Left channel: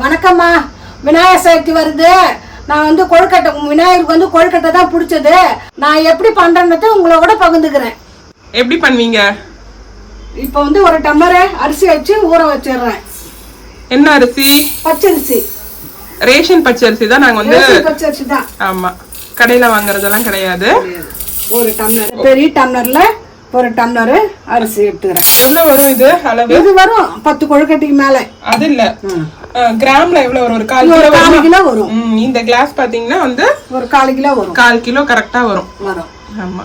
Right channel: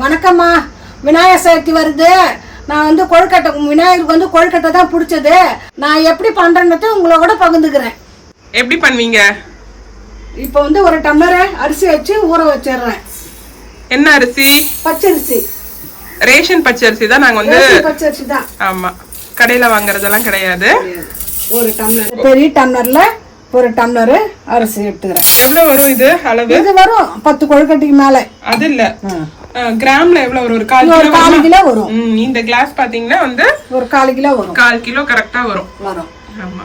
வணக்கம்மா. விநாயகர் சதுர்த்தி வருது. நான் வந்து கொழுக்கட்டை, விநாயகருக்கு வந்து கொழுக்கட்டை தான் பிடிச்சது. நான் எப்படி பண்றேன்றத உங்களோட பகிர்ந்துக்கிறேன். எப்படி பண்ணுவீங்க? இப்போ வந்து ஒரு டம்ளர் அரிசி வச்சு ஊற வச்சிடுறேன். என்ன அரிசி? பச்சரிசி. ரேஷன் பச்சரிசி தான். நாங்க வந்து பச்சரிசி தான். ஆமா, கடையில வாங்குறதெல்லாம் கிடையாது. ஒரு டம்ளர், பெரிய டம்ளர்ல ஒரு டம்ளர் அரிசி எடுத்துக்கிறேன். எவ்வளவு வரும் இது அளவு? இது வரும் 10 கொழுக்கட்டைக்கு மேல. அது இல்ல, கிராம்ல எவ்வளவு வரும்? ஒரு 1/4 கிலோ வரும். இந்த கிளாஸ் பாத்தீங்கன்னா வந்து ஒரு 1/4 கிலோ வரும். 1/4 கிலோ கரெக்டா வரும். ஆமா.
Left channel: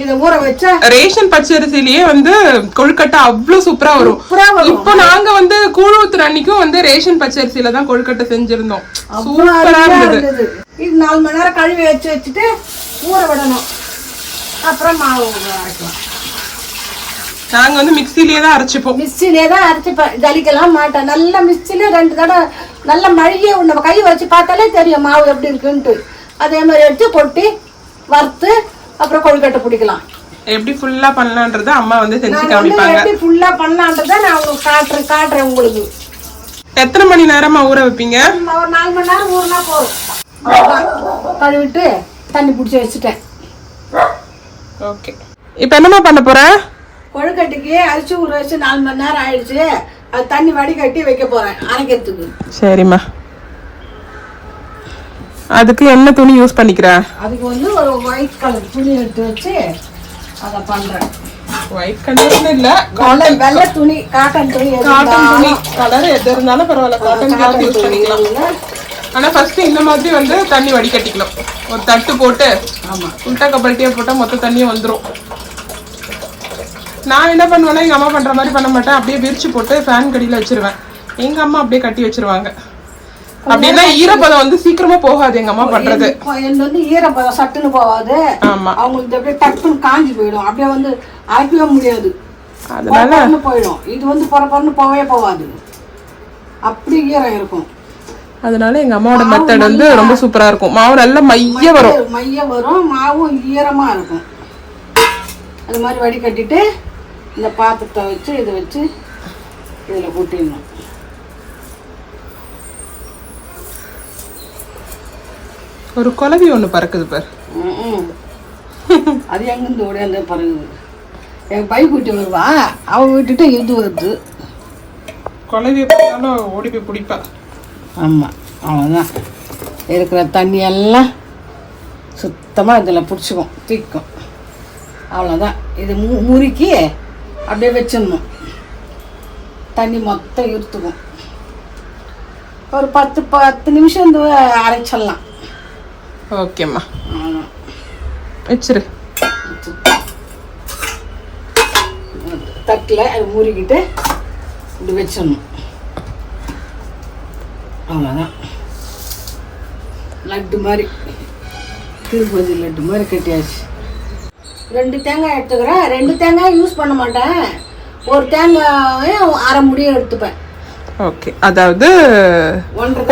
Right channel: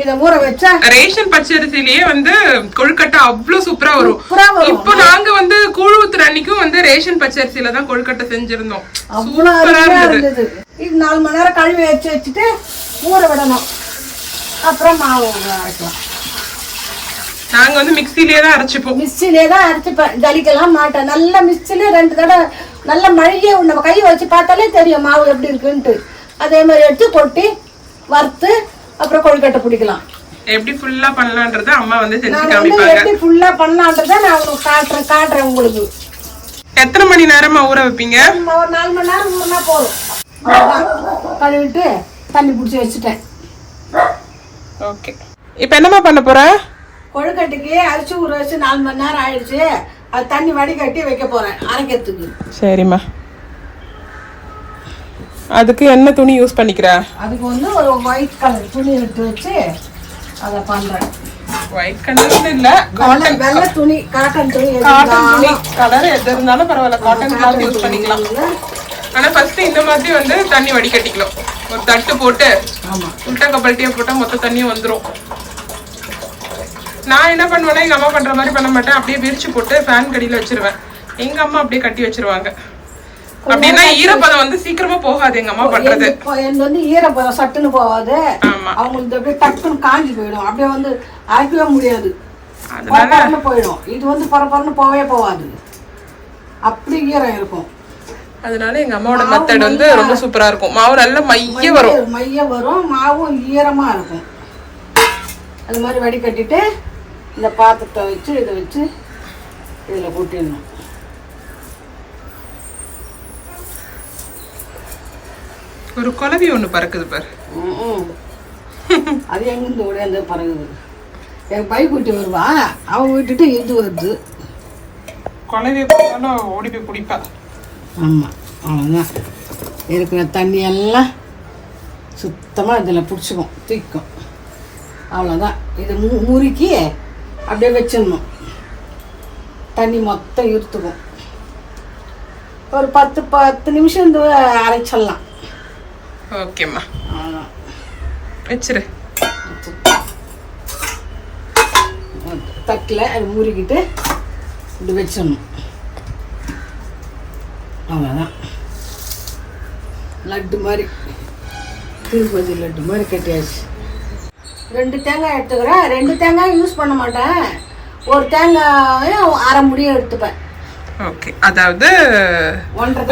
இத ஊற வச்சா ரேஷன் பச்சரிசிலேயே வந்து கொழுக்கட்டை அவ்வளவு சூப்பரா வரும். இப்போ நாங்க வந்து கூழ் ஊத்துற அன்னைக்கும் வந்து ரேஷன் பச்சரிசில தான் கொழுக்கட்டை செஞ்சிருந்தோம். சூப்பரா இருந்தது. இது 4 மணி நேரம் கழுவி வச்சுட்டு ஊற விடணும். அப்புறம் மாவு அரைக்கலாம். நாங்க வந்து மிக்ஸிலேயே தான் அரைச்சிப்போம். மிக்ஸிலேயே தான் அரைச்சிப்பேன். ஜலிக்கலாம் மாட்டேன். நல்லா மிக்ஸிலே 2 தடவை நல்லா மழையே நம்ம கையை வச்சு பார்த்தாலே தெரியும் மாவு எப்படி இருக்குன்ட்டு. அதே மாதிரி எடுத்து கொட்டி வறுத்து அப்புறம் கொழுக்கட்டை பிடிக்கலாம். எப்படி ஃபுல்லா பண்ணலான்றத அம்மா வந்து செஞ்சு காமிப்பாங்க. எப்படி ஃபுல்லா பண்ணலான்றத நான் உங்களுக்கு காட்டுறேன் உங்களுக்கு. எத்தனை மணி நேரமா ஊற வைப்பீங்க? ஒரு 4 மணி நேரம் ஊறினா போதும். கழுவிட்டு தண்ணி பிடிச்சி வச்சுட்டேன். ஓகே, இப்போ என்னமா பண்ண போறேன்? கொழுக்கட்டைக்கு அரிசி ஊற வச்சு 4 மணி நேரம் ஆயிடுச்சு. அது தண்ணி வடிகட்டி வைக்க போறேன் அரைக்கிறதுக்கு. சரிம்மா. அதுக்கு என்ன துணி யூஸ் பண்ணிக்கிறேன்? அதுக்கு வந்து ஒரு ஒயிட் கலர் துணி எடுத்து வச்சு அதை பண்றேன். ஒயிட் கலர் இல்ல, வெள்ளை துணி, காட்டன் துணி. கலர் எது இருந்தாலும் பரவாயில்ல, காட்டன் கிளாத் யூஸ் பண்ணிக்கலாம். ஆனா ஃபர்ஸ்ட் இந்த மாதிரி வந்து தண்ணி வடிகட்டிக்கலாம். ஒரு தட்டு போட்டு உல்டா கப்பல்ட்டியே போட்டா மொத்த தண்ணியும் வந்துடும். நான் என்ன பண்ணுவேன்னா எங்க அம்மா பண்ற மாதிரி பண்ண மாட்டேன். அப்படியே விரிச்சு போட்டு ஃபேன் கடியில வச்சிருவேன். எங்க அம்மா அப்படியே கட்டி வச்சிருவாங்க. அப்படின்னா ஈரப்பதம் வந்து சீக்கிரமா போகாது எங்க அம்மா பண்றது. வந்து ஈரப்பதம் சட்டுன்னு போகாது. அவங்களுக்கு அப்படியே டக்குன்னு காஞ்சி போயிடும். அப்படியே வந்து அரைக்கவே முடியாது, அதனால போயிடும். இது வந்து பரபரன்னு போகவே போகாது, அப்படி ஈரம் இருக்கும். அதனால எங்க அம்மாவோட மெத்தட் வந்து ரொம்ப சூப்பரா இருக்கும். மாவு நல்ல மைய வரும், மாவும் ஈரமா இருக்கும். அது மாதிரி வடிகட்டிட்டு இந்த பாத்திரத்தை வச்சு இதை வச்சு இதுல கூட்டிடணும். ஒரு குலவி ஒண்ணு பறக்குது பாரு. அது எங்கிருந்து ஓடியாந்து பறகுது. என் பை கூட்டி வருவா, அவ விட்டுட்டு இது வருது. குலவியை பார்த்தாலும் ஓடி போய் பிடிப்பா. ஆமாம், அவ்வளோதான். இருக்கிற தண்ணி எல்லாம் சுத்தமாக இதில் பிடிச்சிக்கும், தூக்கும். அவ்வளோதான். இது முறுக்கி அப்படியே வச்சிடணும். தண்ணி மொத்தம் இருத்துக்கும். ஒரு 10 நிமிஷம் இந்த அரைச்சிடலாம். ஓகேம்மா, வச்சிரு. தட்டில் அது முறுக்கிட்டு இப்படி வச்சிடணும். அவ்வளோதான். லட்டு மாதிரி, திருப்பதி லட்டு மாதிரி கட்டியாச்சு. 2 தேங்காய் எடுத்துக்கிறேன். 2 தேங்காய் யூஸ் பண்ண மாட்டேன். ஒரு தேங்காயும் அரை முடியும் எடுத்துப்பேன். ஓகே, அதாவது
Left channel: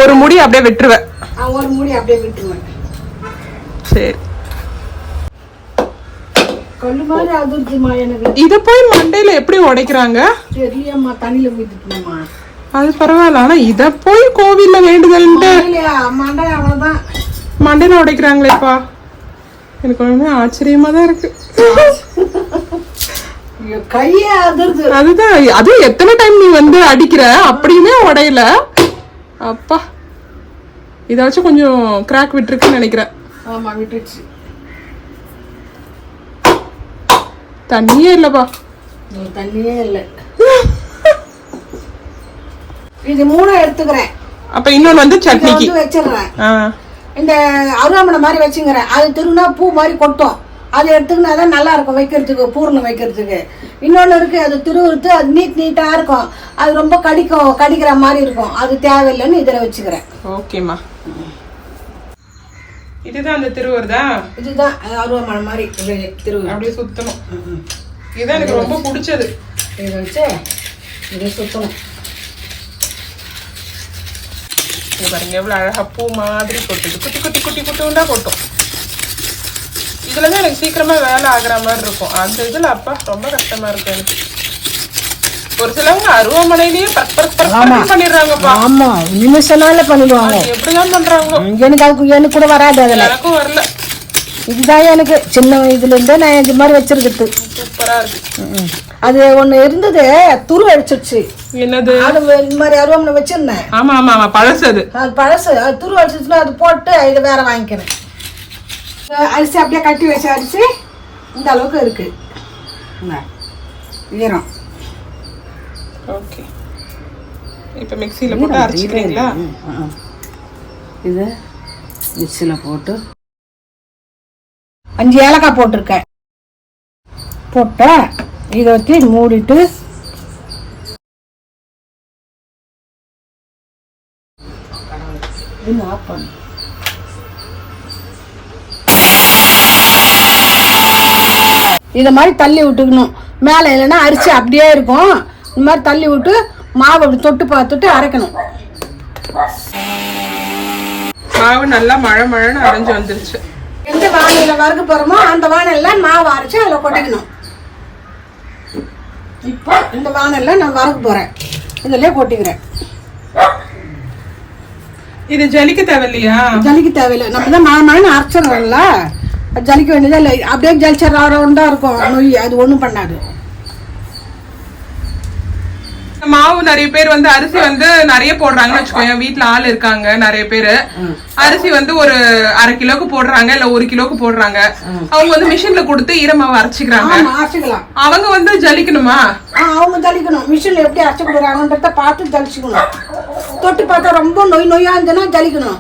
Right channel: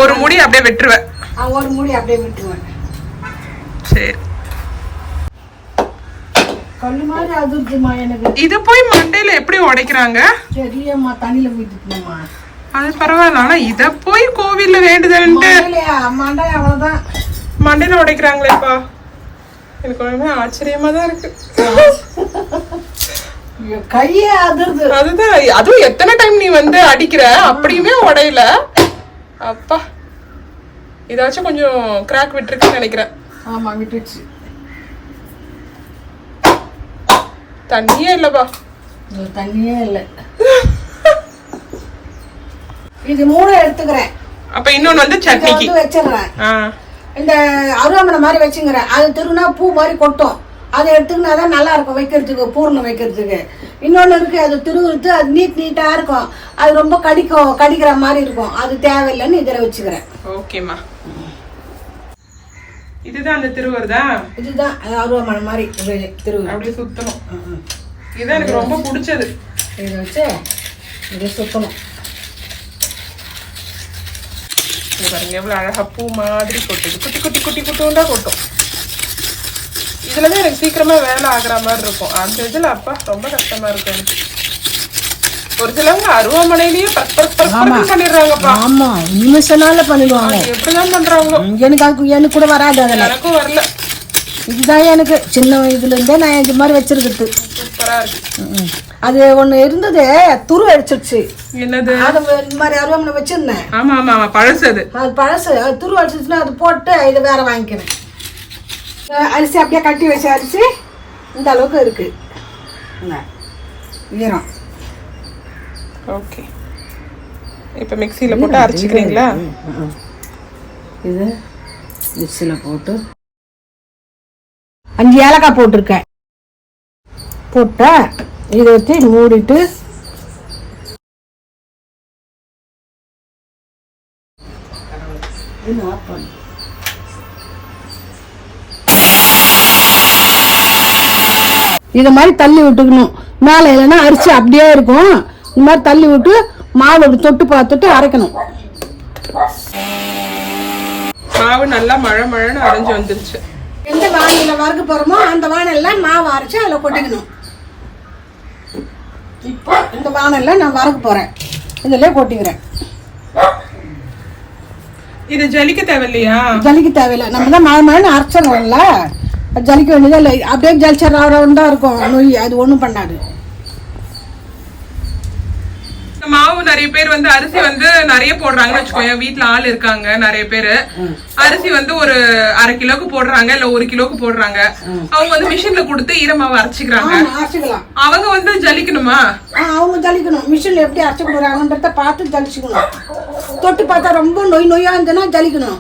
ஒரு முடி அப்படியே விட்டுருவேன். ஒரு முடி அப்படியே விட்டுருவேன். சரி, கல்லு மாதிரி அதிர்ச்சிமா எனக்கு. இது போய் மண்டையில எப்படி உடைக்கிறாங்க தெரியம்மா, தண்ணியில போயிட்டுமா. அது பரவாயில்ல. ஆனா இத போய் கோவில்ல வேண்டுதல்ட்டு மண்டை அவ்வளவுதான் மண்டையில உடைக்கிறாங்களேப்பா. எனக்கு ஒண்ணுமே ஆச்சரியமா தான் இருக்கு. கையே அதிர்து. அதுதான், அதுவும் எத்தனை டைம் நீ வந்து அடிக்கிற, அப்படியுமே உடையல. அப்பா, இத வச்சு கொஞ்சம் கிராக் விட்டுருக்குன்னு நினைக்கிறேன். ஆமா, விட்டுச்சு. தண்ணியே இல்லப்பா. தண்ணியே இல்லை. இது 3 எடுத்துக்கிறேன். அப்ப இன்னொன்னு வந்து சட்னிக்கு வச்சிடுறேன். இந்த அருவாமனை மாதிரி வச்சுக்கிறேன். அது திருநா பூ மாதிரி கொட்டும். அதை எடுத்துக்கினா தான் நல்லா இருக்கும் வைக்கிறதுக்கு, பூர்ணம் வைக்கிறதுக்கு. இன்னொன்று இருக்கு, அது திருவுறுத்து, அது நீட்டா இருக்கும். அது ரொம்ப கடிக்கிற மாதிரி இருக்கும். அது தேவையில்லைன்னு இதில் வச்சுக்கிறேன். ஓகேம்மா, இதுதான் அந்த திருவருதா? இதுதான் அருவாமனை மாதிரி திருவுரு. அப்படியே சுத்தணும். இதுதான் எனக்கு ரொம்ப பிடிச்சது. இதை வச்சு இதை சுத்தணும். பாருங்க எவ்வளவு அழகா பூ மாதிரி கொட்டுது. குட்டி குட்டி குட்டி குட்டியா கொட்டும். இதுலதான் எனக்கு சீக்கிரமா வேலை ஆகுற மாதிரி இருக்கும். அந்த இதுல அப்பா ரொம்ப கஷ்டமா இருக்கும் எனக்கு. ஒரு சிலவங்க அருவாமனையிலேயே பண்ணிடுறாங்கப்பா. ஆமா, நிமிஷனால பண்ணிடுவாங்க. எப்படிதான் பண்றாங்க எனக்கு கூட வராது. அதுல எனக்கும் வரல. இதுதான் எனக்கு சின்ன இதுல இருந்தே நான் இந்த மாதிரி வச்சிருக்கிறது. சூப்பரா இருக்கு. அது ஒண்ணு இருந்தது, துரு அடிச்சிருச்சு. என்னது? அது இந்த மாதிரி அருவாமனை வச்சிருந்தேன். ஆமா ஆமா ஆமா, பழசு. அது பழசு. அது துரு அடிச்சிருச்சுன்னா அது போட்டு இதை வேற வாங்கிக்கிறேன். அரிசி அப்படியே கட்டி வச்ச அரிசி இந்த அளவுக்கு இருக்கு ஈரம். ஓகே, இப்போ மிக்ஸியில் போட்டு அரைச்சிக்கிறீங்களா? இது மிக்ஸியில் போட்டு 5 ஏலக்காய் போட்டிருக்கேன். போட்டா இதை வச்சு மூடிட்டு ஆஃப் பண்ணு. இதை மாதிரி தள்ளி விட்டுக்கணும். மேலே இல்லைன்னா அரிசி அப்படியே இருக்கும். இந்த மாதிரி தள்ளி விட்டு மாவு தொட்டு பார்த்துட்டு அரைக்கணும். மாவு நல்லா மழை மழைன்னு அரைஞ்சு வந்துருச்சு. எந்த வானிலை வறுக்க போறோமோ அந்த வானில மாவு அரைச்சு அதில் கொட்டிக்கணும். இப்போ இந்த வானில நான் வறுக்க போறேன், இதுல கொட்டிக்கிறேன். இது ஜலிக்க தேவையில்லையா? ஜலிக்க தேவையில்லை, நம்ம தான் மழை மழைன்னு அரைச்சிடணும்ல. ஜலிக்க வேண்டியதா இல்லை, அப்படியே ஜலிச்சா இருக்கும் நொய். அது ஒன்றும் பண்ணாது. மாவு நிறைய பேர் வந்து அரிசி வந்து நிறைய போடுறாங்கன்னு வச்சுக்கோங்க. வீட்டுல ஆள் இருக்காங்க நிறைய பேரு. அரிசி வந்து ஒரு 1/2 கிலோக்கு போடுறாங்க, இல்ல 1 கிலோக்கு போடுறாங்க. அவங்க வந்து மிஷின்ல கொடுத்து ஈரமாவு அரைச்சிக்கிறாங்க. அவங்க வந்து ஜலிக்கணுமா? அவங்க ஜலிக்கணும். மிஷின்ல எப்படி அரைச்சு கொடுக்குறாங்கன்றத பார்த்து ஜலிச்சுக்கணும். தொட்டு பார்த்தா ரொம்ப நொய் நொய்யா இருந்ததுன்னா ஜலிக்கணும்.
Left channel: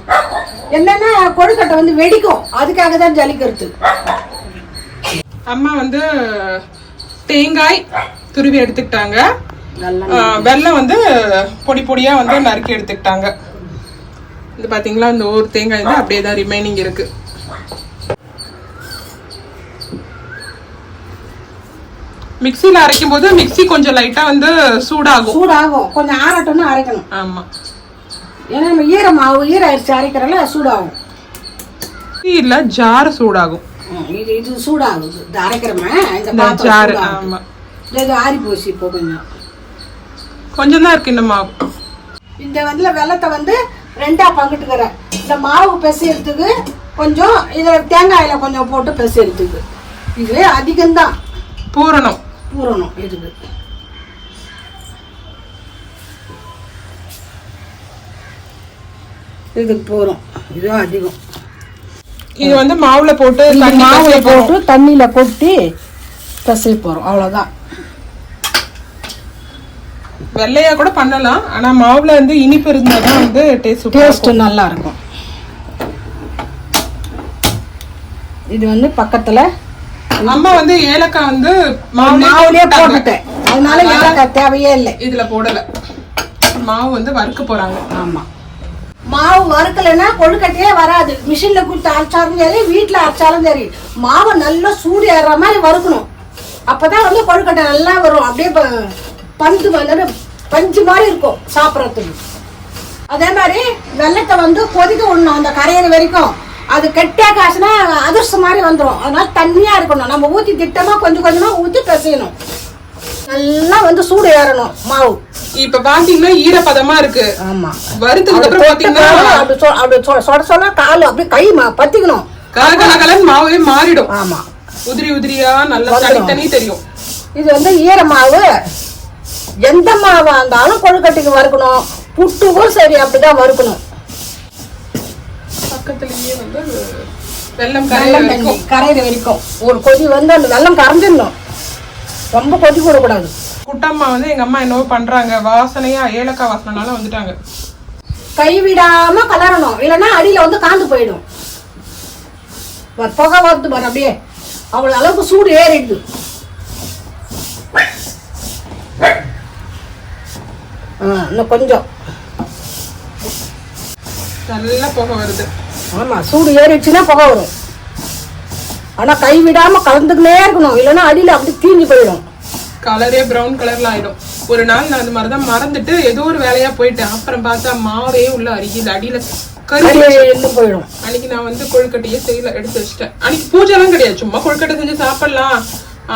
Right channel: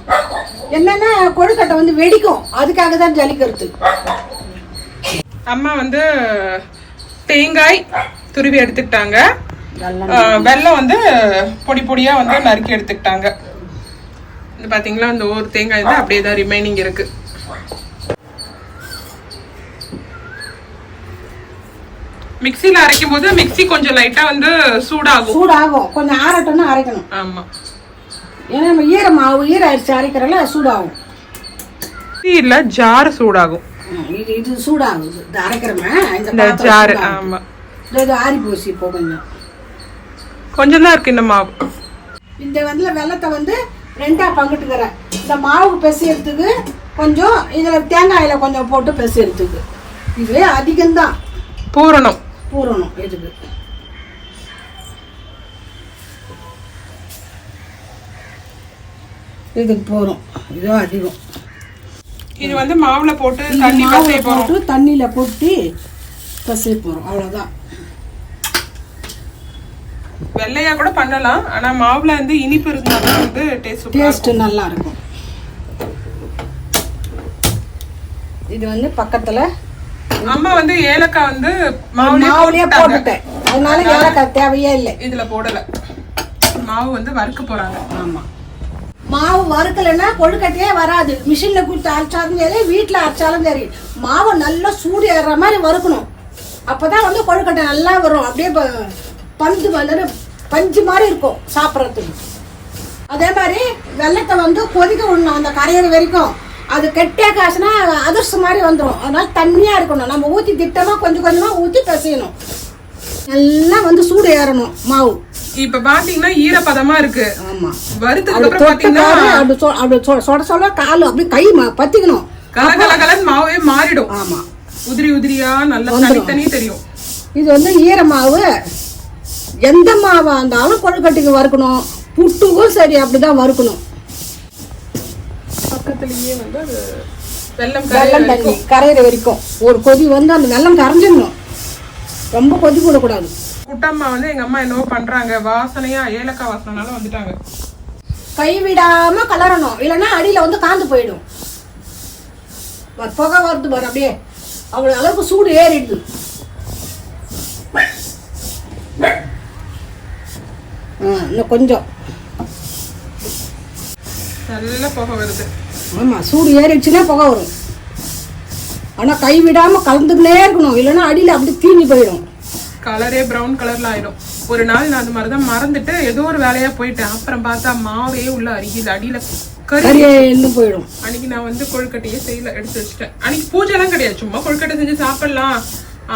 என்னன்னா கொழுக்கட்டை வந்து வெடிக்கும், அதுக்காக தான் ஜலிக்கிறது. அம்மா வந்து தேங்காய் துருவி எடுத்துக்கிட்டாங்க. வெல்லம் வந்து பொடி பொடியா வந்து நறுக்கி எடுத்துக்கிட்டாங்க. இது பாத்தீங்களா, இந்த ஒரு தேங்காய் வந்து அப்படியே தான் ரிமைனிங் இருக்கு. மிக்ஸில அரைக்கும் போது மிக்ஸி கொஞ்சம் லைட்டா வந்து சூடாகும். கொஞ்சம் ஆறட்டும்னு அரைக்கணும். ஆமா, ஏன்னா நம்ம ஈர அரிசி அரைக்கிறல சூடாகும். இல்ல ஜார் சூடாகும். இது சூடாகும். இது அரைக்கிறோமே இந்த ஜார். ஆமா, இது ஆறி போச்சு. இப்போ கொஞ்சம் தான் இருக்கு இந்த மாவு. இந்த வந்து வெள்ளத்தை வந்து 2ஆ பங்கிட்டுக்கிறேன். இந்த மாவு பெசையறதுக்கு கொஞ்சம், இதுல தேங்காயில கொஞ்சம் போட்டு பெசையறதுக்கு. இது அதிகம்தான் பூரணம் இதுக்கு. இதுக்கு பூரம் இது அதிகம். இது வந்து மாவுல போட்டு தண்ணியில கொட்டி பெசை போறோம், அவ்வளவுதான். வெள்ளையா கூட பண்ணலாம், ஆனா மாவுல வந்து இனிப்பு இருந்தாதான் வந்து டேஸ்ட் நல்லா இருக்கும். இது வந்து பக்கத்துல அம்மா வந்து ஏலக்காய் வந்து மாவுலயே போட்டுட்டேன், அதனால ஏலக்காய் தேவையே இல்லை. இதுல போடல. மாவு வந்து வறுக்க போறாங்க. ஆமா, மாவு வறுக்கலைன்னா கொழுக்கட்டையே வராது. மிஷின்ல கொடுத்து அரைச்சாலும் சரி, வீட்டுல அரைச்சாலும் சரி, மாவை நல்லா சூடு ஏறுற மாதிரி வறுக்கணும். அப்பதான் வந்து கொழுக்கட்டை நல்லா வரும். அப்படியே பஞ்சு மாதிரி இருக்கும் சாப்பிட்றதுக்கு. அதே மாதிரி வெள்ளத்தை வந்து கொதிக்க விடணும் அந்த கரையிற வரைக்கும். அது கெட்டியா காசுனா அதிர்ஷ்டம் மாதிரி வந்துடும். அதனால தண்ணியா இருக்கணும். நம்ம ஊத்தி திட்டமா கொஞ்சம் கொஞ்சமா ஊத்தி பிசையணும். நல்லா வந்து சூடு ஏறணும் மாவு. இப்ப பாத்தீங்கன்னா ஈரப்பதமா இருக்கு. ஆமா, வறுத்ததுக்கு அப்புறம் பாத்தீங்கன்னா அப்படி சொல்ல கால் அப்படியே கை பத்திக்கணும். கலகலன்னு மாவே மாறிடும். ஆமா, உதிரி உதிரியா நல்லா தனித்தனி தெரியும். இது வந்து ஈர மாவு. எந்த மாவா இருந்தாலும் கொழுக்கட்டைக்கு வறுக்கணும். புட்டுக்கும் சரி அப்படிதான் வறுக்கணும். பக்கத்துலயே வந்து வெல்லம் கரையிற வரைக்கும் ஒரு கொதி வந்து அந்த வெல்லம் கரைஞ்சிடணும். ரொம்ப கொதி கூடக்கூடாது. குட்டம்மா வந்து எங்க அம்மா என்னவோ பண்றாங்க, வாசனையா ஏலக்காய் வாசனைனால வந்துட்டாங்க. கைவிடாம கலரணும், இல்லைன்னா அடியில வந்து காந்து போயிடும். புகை வருது பாரு, அப்படியே அவ்வளவு அளவுக்கு சூடு ஏறிடுது. இன்னும் கொஞ்சம் நல்லா புகை வருது. ஆமா, சூடு ஏறிடுச்சுன்னா புகை வரும். ஆனா கை விடாம கலந்துக்கிட்டே இருக்கணும், இல்லைன்னா அடியில அப்படி தீஞ்சு போயிடும். கலரே பிரவுன் கலர்ல ஆயிடும். ஒரு நாள் நான் அந்த மாதிரிதான் மறந்துட்டு ஏதோ ஒரு வேலையா போயிட்டேன். அப்புறம் பார்த்தா மாவே உள்ள அருகில் அடியில போயிடும். அன்னைக்கு நான் வந்து கொழுக்கட்டையே செய்யல, எடுத்து வச்சுட்டேன். அன்னைக்கு பூஜை எல்லாம் கிடையாது, சும்மா கொழுக்கட்டை செஞ்சு சாப்பிடலாம்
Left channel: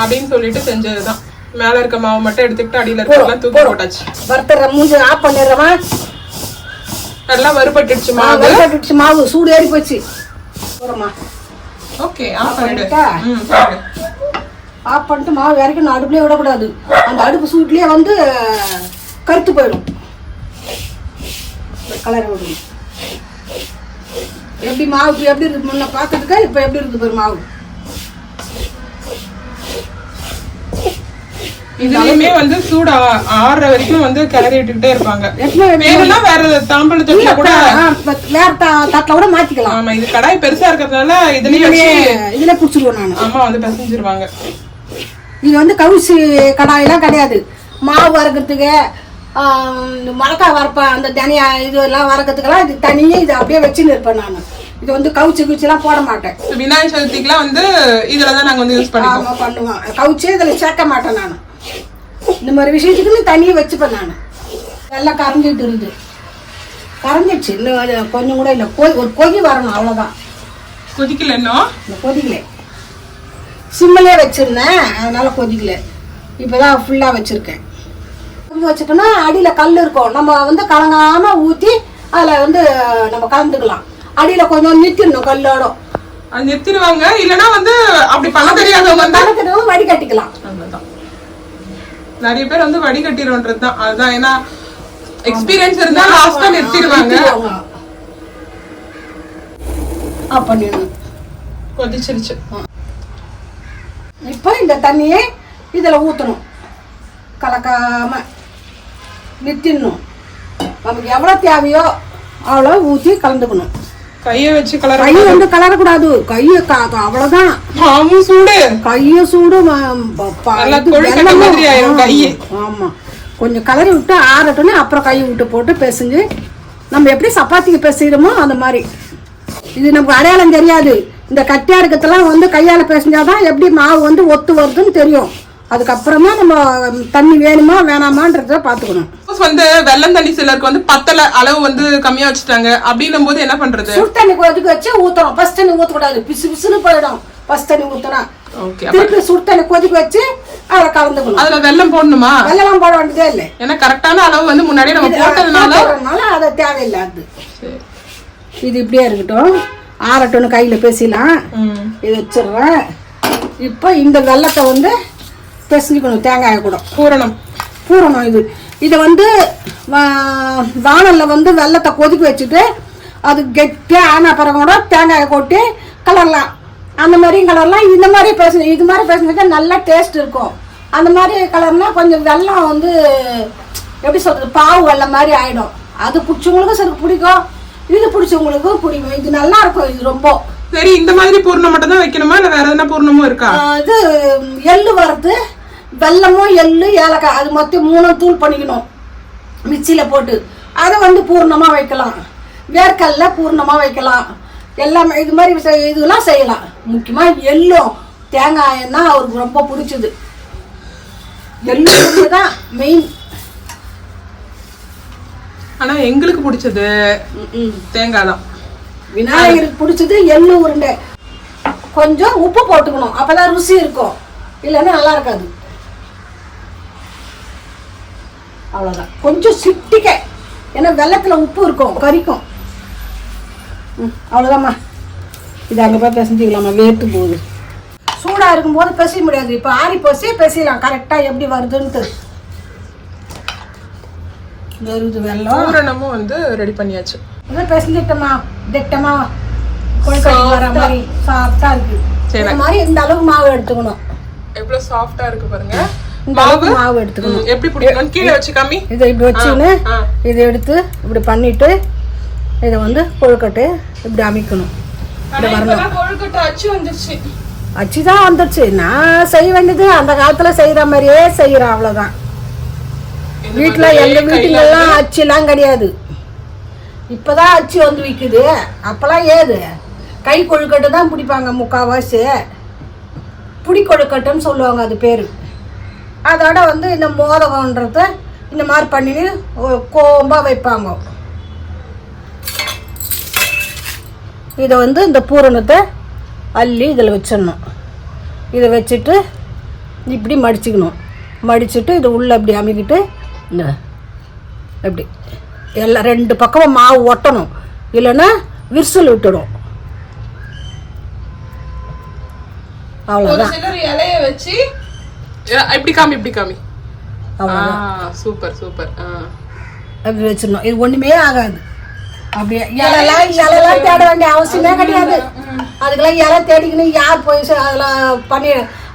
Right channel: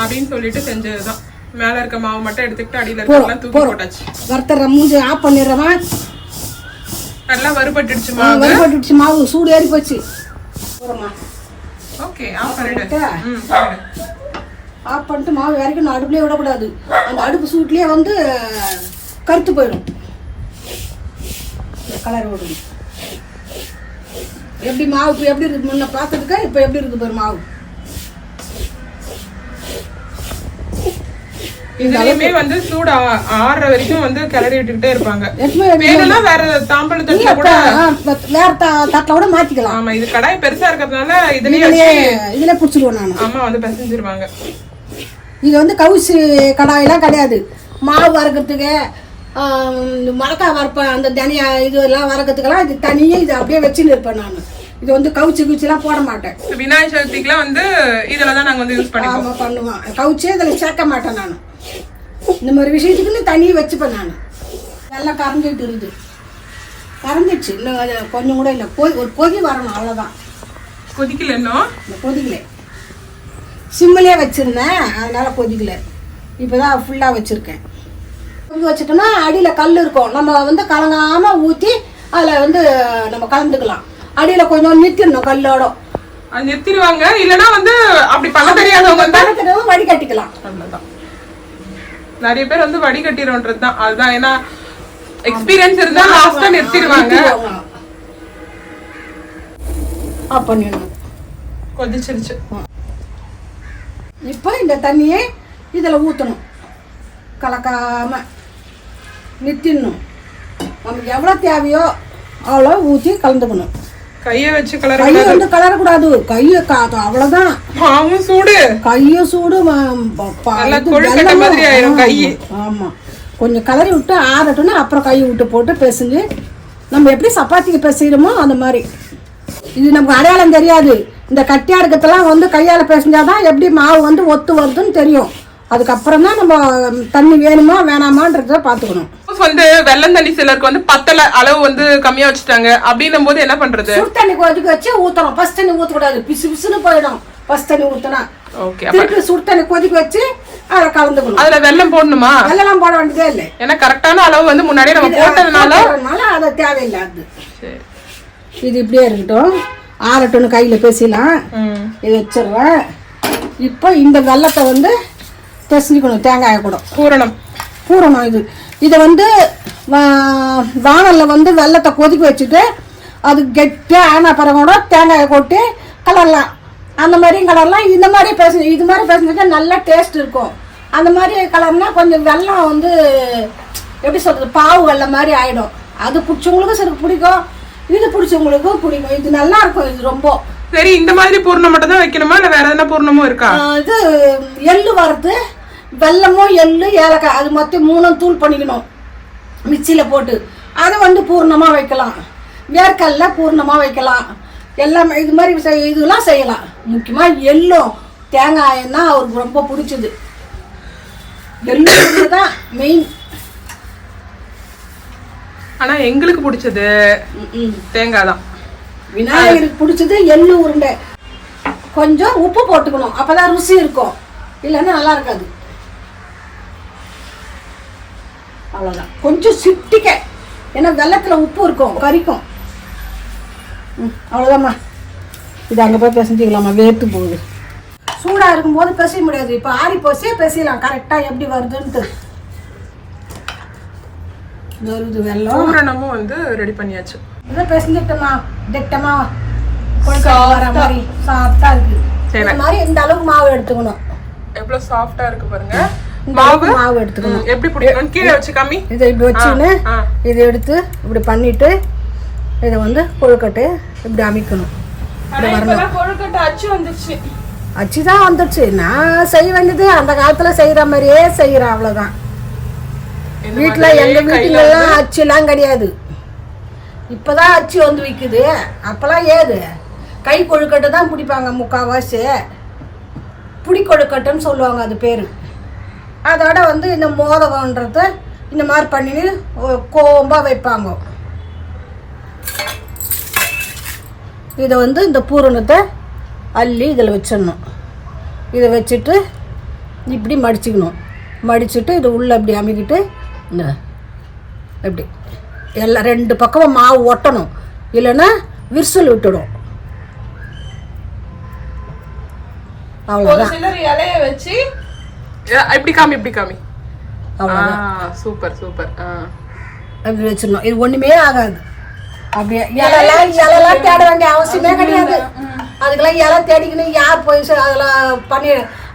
அப்படின்னு சொல்லிட்டு செஞ்சதுதான். மேல இருக்க மாவு மட்டும் எடுத்துட்டு அடியில இருக்கறதெல்லாம் தூக்கி போட்டாச்சு. வறுத்தற மூஞ்சி ஆஃப் பண்ணிடுறவா. நல்லா வறுபட்டுடுச்சு மாவு. வறுபட்டுடுச்சு மாவு, சூடு ஏறி போச்சு. போறமா. ஓகே, ஆஃப் பண்ணிடு. ஆஃப் பண்ணிட்டு மாவு இறக்கணும், அடுப்புலயே விடக்கூடாது. அந்த அடுப்பு சூட்லயே வந்து கருத்து போயிடும். கலர் விடணும். எப்படி மாவு இப்போ எப்படி இருக்கு முன்ன பார்த்ததுக்கு இப்போ எப்படி இருக்கு பாரு மாவு. இதுலயுமே வந்து சூடு ஆறுற வரைக்கும் வந்து கிளறி விட்டுக்கிட்டே இருப்பாங்க. வேணும்னா வேற தாம்பழ தட்டுல கூட வேற தட்டுல கூட மாத்திக்கலாம். ஆமா, இது கடாய் பெருசா இருக்கிறதுனால இதுல புடிச்சிருவோம் நான். அம்மா வந்து பிசைஞ்சிருவாங்க. இது வந்து கவுசி கடாயெல்லாம் கிடையாது. மாவு வறுக்கிறதுக்கு மிளகாய் வறுப்பேன், அந்த தனியா இது எல்லாம் வறுக்கிறதுக்கெல்லாம் இது தனியே இது அப்படியே வச்சுன்னு இருப்பேன் நான். இது வந்து கவுச்சிலாம் போட மாட்டேன். விநாயகர் சதுர்த்திக்குலாம் வந்து இதுலதான் நாங்க வந்து யூஸ் பண்ணுவேன். கவுச்சி இதுல சேர்க்க மாட்டேன் நான். இந்த மாதிரி விஷயத்துக்குன்னு தனியே வச்சுப்பேன் நான். எல்லாம் கரைஞ்சிட்டு இருக்குது. கரைஞ்சிடுச்சு, இன்னும் கொஞ்சம் கூட இல்லை. ஒரு கொதி வரணும், அவ்வளோதான். கொதிக்கல இன்னும்? இந்த கொதிக்கல, சிம்மிலே வச்சிருந்தேன், அதனால கொதிக்கல. இப்போதான் ஃபுல்லாக வச்சிருக்கேன். கொதிக்க வச்சுட்டோம்னா அடியில் கல் இருக்கும், நம்ம வந்து கலங்காம ஊற்றி அதில் வந்து நம்ம கலந்துக்கலாம். அடியில் கொஞ்சம் நிறுத்திடணும் கல்லோட. அது நிறுத்திடுவாங்க, இல்லைன்னா வந்து அப்படி பண்ண தெரியாதவங்க வடிகட்டிக்கலாம். அவ்வளோதான். நிறைய பேர் வந்து வடிகட்டிடும்ன்றது தான். அதுதான், ஏன்னா எக்ஸ்பீரியன்ஸ் இருந்தா லாஸ்டா நிறுத்திடுவாங்க. கொதிச்சிருச்சு. இப்போ இந்த தண்ணியை இதில் ஊற்றணும், கலக்காம நிறுத்திடணும். நமக்கு எவ்வளோ தேவையோ அவ்வளோ ஊற்றி கலந்துக்கணும். கையை வச்சு கையை வந்து கலரக்கூடாது, கையை அவ்வளோதான். சூடு, கையை சூடு. ஆமா, கொஞ்சம் கலரி விட்டு ஆறட்டுன்னு அப்புறம் கையை விட்டு போட்டு பிசைஞ்சு நம்ம எப்படி சப்பாத்திக்கு பிசைகிறோமோ அந்த மாதிரி. இது நமக்கு அடையாளம் தெரியாது. இந்த கட்டியா இருக்கிறதெல்லாம் வந்து கையால் பிசைஞ்சாதான் எப்படி மாவு வந்து ஒத்து வருதுன்னு தெரியும். அதுக்கப்புறம் தான் நம்ம தண்ணி வேணுமா வேணாமான்றத பாத்துக்கணும். வந்து வெள்ளம் தண்ணி சிலருக்கு வந்து பத்தல, அளவு வந்து கம்மியா வச்சுட்டாங்க. அப்படின்னும் போது என்ன பண்றது? சுடு தண்ணி கொதிக்க வச்சு ஊத்தணும். ஃபர்ஸ்ட் தண்ணி ஊத்தக்கூடாது, பிசு பிசுன்னு போயிடும். ஃபர்ஸ்ட் தண்ணி ஊத்தினா திருப்பி சுடு தண்ணி கொதிக்க வச்சு அதை கலந்துக்கணும். அதுல வெள்ளம் போடணுமா? வெள்ளம் போட வேண்டியதே இல்லை. ஏன்னா கரெக்டான அளவு வந்து முன்னாடியே நம்ம போட்டதுனால அது தேவையில்லை. அது இது இப்படியே இருக்கட்டும், ஆறட்டுன்னு கையில பேசிடலாம். இதை வச்சிருவேன். இப்போ இந்த வெள்ளத்தை வந்து பிசைஞ்சுக்கணும், தேங்காயை கூட பூரணம். இதை வந்து வானலில் வந்து வெள்ளத்தை கொதிக்க வச்சுட்டு அது கெட்டியாக ஆன பிறகு கூட தேங்காயை கொட்டி கலரலாம். அந்த மாதிரியும் கலரலாம். இந்த மாதிரி இது மாதிரி பேசினா நல்லா டேஸ்ட் இருக்கும். அந்த மாதிரி கலர்னா கொஞ்சம் வெள்ளம் வந்து எப்படி சொல்கிறது, பாவு வெள்ளம் மாதிரி ஆகிடும். அது பிடிச்சவங்களுக்கும் சரி பிடிக்கும், இது பிடிச்சவங்களுக்கும் பிடிக்கும். இது நல்லா இருக்கும். இது ரொம்ப சரி. இந்த மாதிரி பூர்ணம் மட்டும் தான் வைக்கணுமா, இல்லை வேற எதனா பூர்ணமும் இருக்கா? இது எள்ளு வறுத்து, வெல்லமும் எள்ளு ஏலக்காய் அது மொத்தம் 3 தூள் பண்ணிக்கணும் மிக்சியில் போட்டு. அதை வந்து பூர்ணமாக வைக்கலாம், வேர்க்கல்ல பூர்ணமாக வைக்கலாம். எல்லாமே இது மாதிரி இதெல்லாம் செய்யலாம். முக்கியமாக எள்ளும் தேங்காயும் தான் அவருக்கு ரொம்ப பிடிச்சது. எள்ளு தான் மெயின். ஆனால் எங்களுக்கு பிடிச்சது தேங்காய் தான். விநாயகருக்கு பிடிச்சது எள்ளு உருண்டை. கொஞ்சம் உப்பு போட்டுக்கணும், அப்போதான் ருசி இருக்கும், இல்லைன்னா நல்லா இருக்காது. அவ்வளோதான். கொஞ்சம் சிட்டிக்க, ஏன்னா வெள்ளத்தில் உப்பு இருக்கும், கறிக்கும். அவ்வளோதாம்மா. இது அங்கே போய் பிசைஞ்சிக்கலாமா, வேர்த்து போகுது. சூடாக இருக்கும்போது பிசைய முடியாது. இப்போ ஆறி போச்சு பிசையலாம் கரெக்டாக எப்படி வருதுன்ட்டு. வருது வெள்ளம். பூரணமும் வந்து ரெடி பண்ணியாச்சு. அதான் பிசைஞ்சிட்டோமா, திட்டமா கொழுக்கட்டை வர மாதிரி சாஃப்டா இருக்கு. இந்த மாதிரி இந்த அளவுக்கு மாவு எடுத்துக்கணும். எவ்வளவு சாஃப்டா இருக்கு பாருங்க. மாவு எடுத்துக்கணும். எப்படி பிடிக்கணும்? கீழே வச்சு காமி. இதை இப்படி வச்சுன்னு இதை எடுத்து இப்படி பண்ணிட்டு இதை வந்து கொழுக்கட்டை இப்படி அமைக்கணும். இப்படி வரணும். கொழுக்கட்டை அச்சு வந்துருச்சு. அச்சு தான் வந்துருச்சு. நான் செய்ய வேண்டியது அந்த காலத்துல செய்யற மாதிரியே செய்யறேன், அவ்வளவுதான். வீட்டுல எங்க வீட்டுல எல்லாம் அச்சு எல்லாம் கிடையாது. இப்பதான் அச்சு வந்து விற்குது. அப்பெல்லாம் ஏது கை கொழுக்கட்டை தான் பிடிப்பாங்க முக்கால்வாசி. புடி கொழுக்கட்டைன்னு சொல்லுவாங்க அது பேரு. அதோட வந்து இந்த மோதகம்ன்றத இந்த மாதிரி பண்ணி கோம்பா வைப்பாங்க. இதை வந்து இந்த பூரணத்தை அள்ளி இதில் வச்சிடணும். இதை வச்சுட்டு இப்படி மடிச்சுக்கணும். மடிச்சுட்டு இது உள்ளே இப்படி அமுக்கிட்டு இந்த எப்படி எல்லாம் 2 பக்கமும் மாவு ஒட்டணும், இல்லைன்னா விரிசல் விட்டுடும். அவ்வளோதான். இலைய வச்சு இப்படி காமி சூப்பர் சூப்பர். அப்படி வச்சிடணும். இது ஒன்றுமே ஆகாது. அப்படியே இலைலாம் தேட வேண்டிய அவசியமே கிடையாது. அதுக்கெல்லாம் இலை தேடிக்கணும், யார் போய் அதெல்லாம் பண்ணி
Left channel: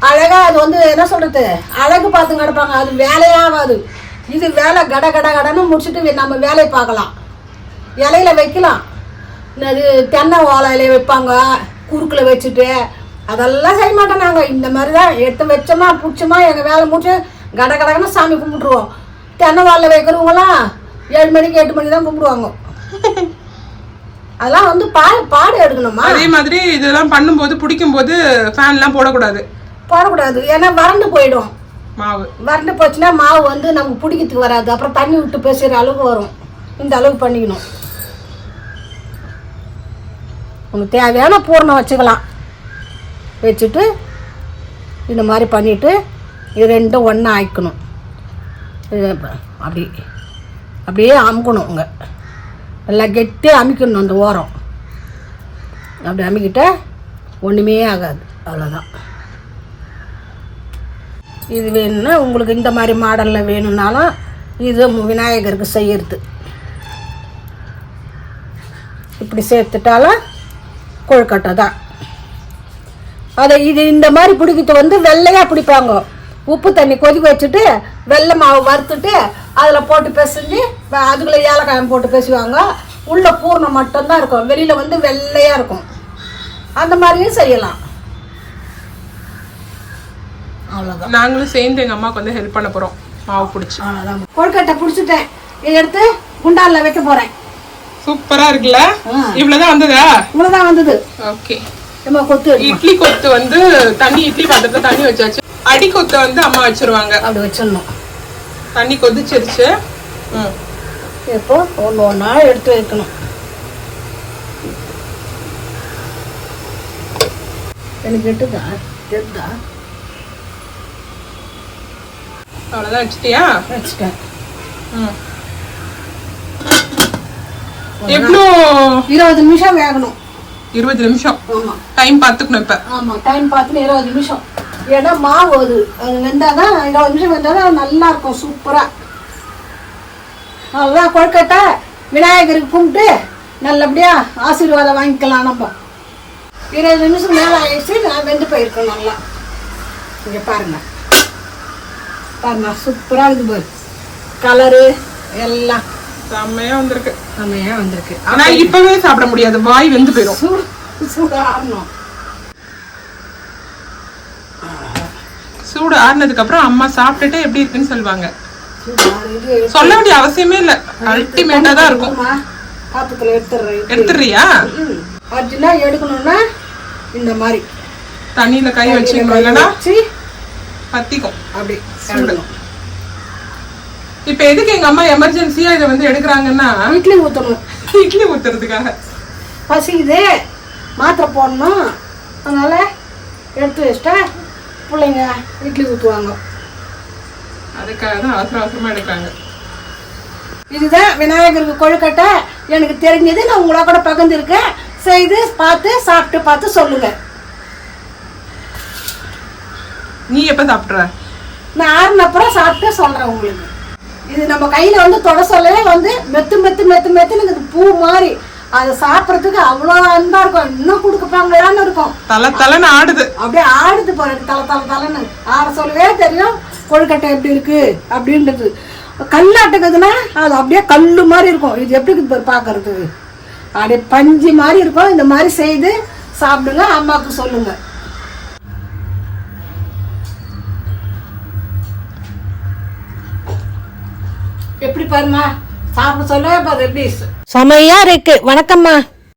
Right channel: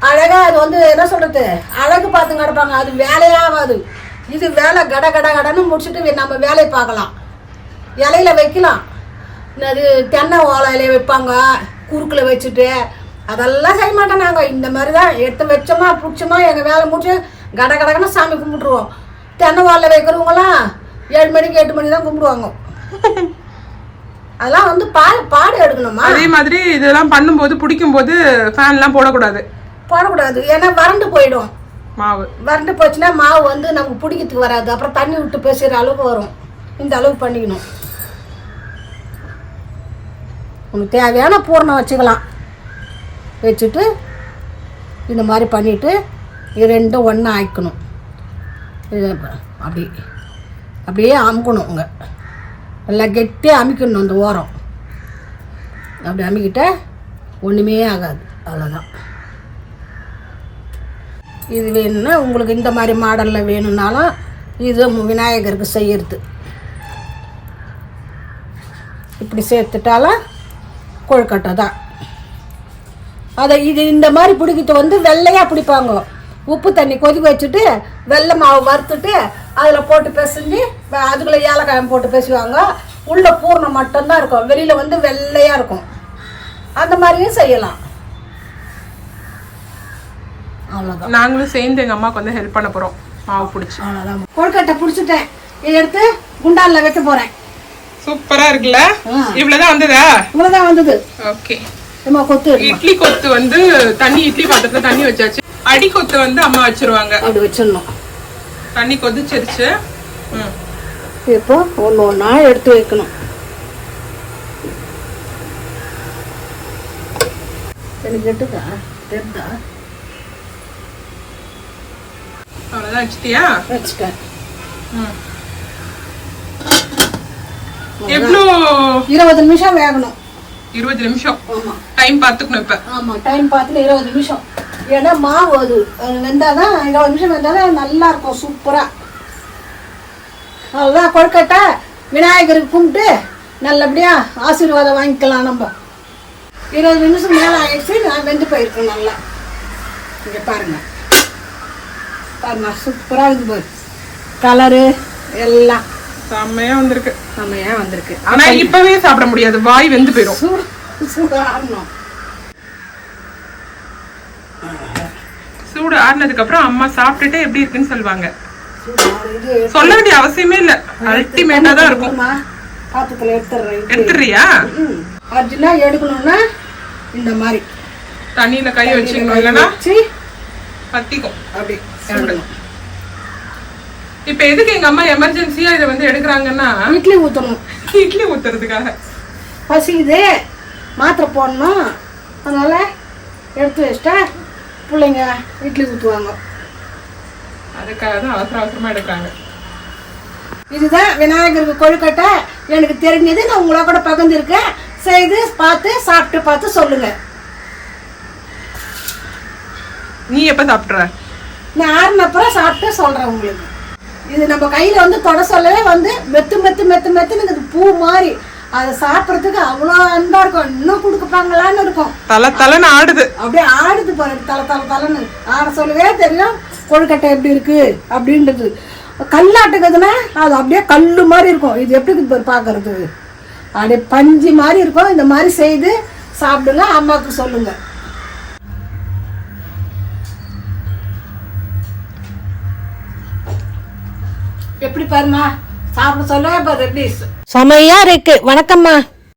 அழகாக அது வந்து என்ன சொல்கிறது, அழகு பார்த்து கிடப்பாங்க. அது வேலையே ஆகாது. இது வேலை கட கட கடன்னு முடிச்சுட்டு நம்ம வேலையை பார்க்கலாம். இலையில வைக்கலாம். அது தென்னை ஓலை இலையை வைப்பாங்க, குறுக்கில் வச்சுட்டு. அதெல்லாம் செய்ய மாட்டோம் நாங்கள். இந்த மாதிரி தான் எடுத்து வச்சோமா பிடிச்சோமா எங்கள் வேலை முடிச்சு கட கடன்னு சாமி கும்பிட்ருவோம். தென்னை ஓலை வைக்கிறவங்களாம் 7 மணிக்கு 8 மணி தான் கும்பிடுவாங்க. அதெல்லாம் வந்து பாடு எடுக்கணுமா. அதே மாதிரி இதெல்லாம் பண்ணும்போது பிடிக்கும் போது ஃபேன்லாம் போடக்கூடாது. ஏன்னா வறண்டு போயிடும். மாவு வறண்டு போச்சுன்னா மாவு வந்து நமக்கு பிடிக்கிறதுக்கு வராது. அப்புறம் தண்ணி விட்டு பேசுகிற அளவுக்கு வரும். இந்த அளவுக்கு பண்ணிக்கணும். உனக்கு தேவையான பூரணம் வச்சுக்கலாம். வச்சுட்டு இந்த மாதிரி பண்ணிவிட்டு இது 2 ஒன்றா ஆயிக்கணும். இது அப்படியே அமுக்கணும். உங்க நல்லா கெட்டியாக அமுக்கணும். அந்த ஓரம் அப்படி அமுக்கிட்ட ஒன்றுமே ஆகாது. அவ்வளோதான். இது வேணும்னா உங்களுக்கு இந்த மாதிரி மாடலில் வேணும்னாலும் இது விநாயகருக்கு செய்யறது. இப்படி சேர்த்துட்டாலும் கொழுக்கட்டை தான். அதை இது இந்த மாதிரி பிடிக்கிறது வந்து வெள்ளையாக பிடிப்பாங்க. உப்பு தண்ணி கொதிக்க வச்சுட்டு வெள்ளை மாவு வறுத்துட்டு அதில் போட்டு பிசைஞ்சு அதுக்குள்ளே ஏலக்காயம் போட்டு பேசுவாங்க. உள்ள பூர்ணம் மட்டும்தான் இருக்கும், வெளியில் வந்து வெள்ளையாக இருக்கும். அந்த மாதிரியும் செய்யலாம். அவ்வளோதான். நாங்களும் சேர்ந்து எங்கள் அம்மாவுக்கு வந்து ஹெல்ப் பண்ண போகிறோம் மாவு பிடிச்சி. அவ்வளோதான். கொழுக்கட்டை பிடிச்சிட்டேன். இதை எடுத்து குண்டாலில் வைக்க போகிறேன். சூப்பராக இருக்குல்ல? இவ்வளோதான் வந்ததா? இவ்வளோதான் வந்தது. ஓகே. நம்ம கொத்து இட்லி கொத்து வந்து இட்லி பாத்திரத்தில் தண்ணி வச்சாச்சு. அடி கொத்து வந்து அம்மா வச்சிருவாங்க. அப்படி வச்சிடணும். தண்ணி கொதிச்சிருச்சு. இப்போ ஒன்றா எடுத்து வைக்கணும். எனக்கு எட்டுதா தெரிதா? அவ்வளோதான். வச்சுட்டியா? வச்சுட்டேன். எவ்வளோ? 20 நிமிஷம் வேகணும். 20 நிமிஷம். ஆமாம். டைம் பார்த்துக்கணும். இப்போ ஆமாம், டைம் பார்த்துன்னு 20 நிமிஷம். ஏன்னா மாவு அது வெந்தாதான் 20 நிமிஷம் வெந்தாதான் நல்லா இருக்கும். சூப்பராக. அவ்வளோதான். கொழுக்கட்டை விநாயகருக்கு கும்பிட்டு நல்லபடியாக ஆசீர்வாதம் வாங்கிக்கலாம். நம்ம 20 நிமிஷம் மேலே ஆயிடுச்சு. நான் வெந்து போயிருக்கேன் நல்லா. இங்கே பாருங்க சூப்பராக இருக்குது பாரு. கலரு எல்லாம் செம்மையா வந்திருக்கு. செம்மையாக வந்திருக்கு. ஆனா இப்பவே சாப்பிட முடியாது, வாய் வெந்து போயிடும். சூடு ஆறணும். சூடு ஆறுனதுக்கு அப்புறம் அம்மா சாப்பிட்டுட்டு எப்படி இருக்குன்னு சொல்லுவாங்க. சொல்ல வேண்டிய அவசியமே இல்ல, அல்டிமேட்டா தான் இருக்கும். பாத்திரத்துல எடுத்துறியா? அர்ஜென்டா எடுக்கணும்னா இந்த மாதிரி தண்ணியில கை வச்சுக்கணும்னா பத்திக்கும். அப்படி இப்ப எதுக்கு எங்க அம்மா எமர்ஜென்சியா இதை வந்து எடுக்கிறாங்கன்னா இட்லி ஊத்தணும். இட்லி ஊத்துறதுக்காக. பசிக்குது, மாத்திரை போடணும், அதனால எடுத்து வச்சிட்டா பிள்ளைங்க இட்லி ஊற்றுவாங்க. அதுக்காக தான் அவசர அவசரமா எடுக்கிறாங்க. இதுதான் விநாயகருக்கு கொழுக்கட்டை. எனக்கு தெரிஞ்சது நான் உங்களோட கூட பகிர்ந்துருக்கேன். செய்து பார்த்து சாப்பிட்டு பார்த்து சொல்லுங்க. நீ எப்ப சாப்பிட்ற? நான் ஆறுனப்புறம் சாப்பிட்டு சொல்றேன் உங்களுக்கு. இது நம்ம கையில வந்து தொட சொல்லவே வந்து மெத்து மெத்து மெத்து மெத்துன்னு பூ மாதிரி. அதை சாப்பிட்றதுக்கு அவ்வளோ அன்பா இருக்கும். இன்னும் கொடுப்பாங்களான்னு இருக்கும். தலை தலைன்னு ஆடுது. அப்படியே ஆடுது பாருங்க. தலைன்னு ஆட சொல்லவே தெரியும் கொழுக்கட்டை எப்படி இருக்கு அப்படின்றது. கல்லாட்டுக்குதுன்னா அது அப்படியே கல்லு மாதிரி இருக்கும். இது எப்படி இருக்குது பார்க்கறதுக்கு அப்படியே பஞ்சு மாதிரி இருக்கும். இந்த மாதிரி செய்து சாப்பிடுங்க, அம்மாவுக்கு சொல்லுங்க. எப்படி பாருமா சாப்பிட சொல்லவே பாரு எப்படி செமையா இருக்கு. வணக்கம்மா.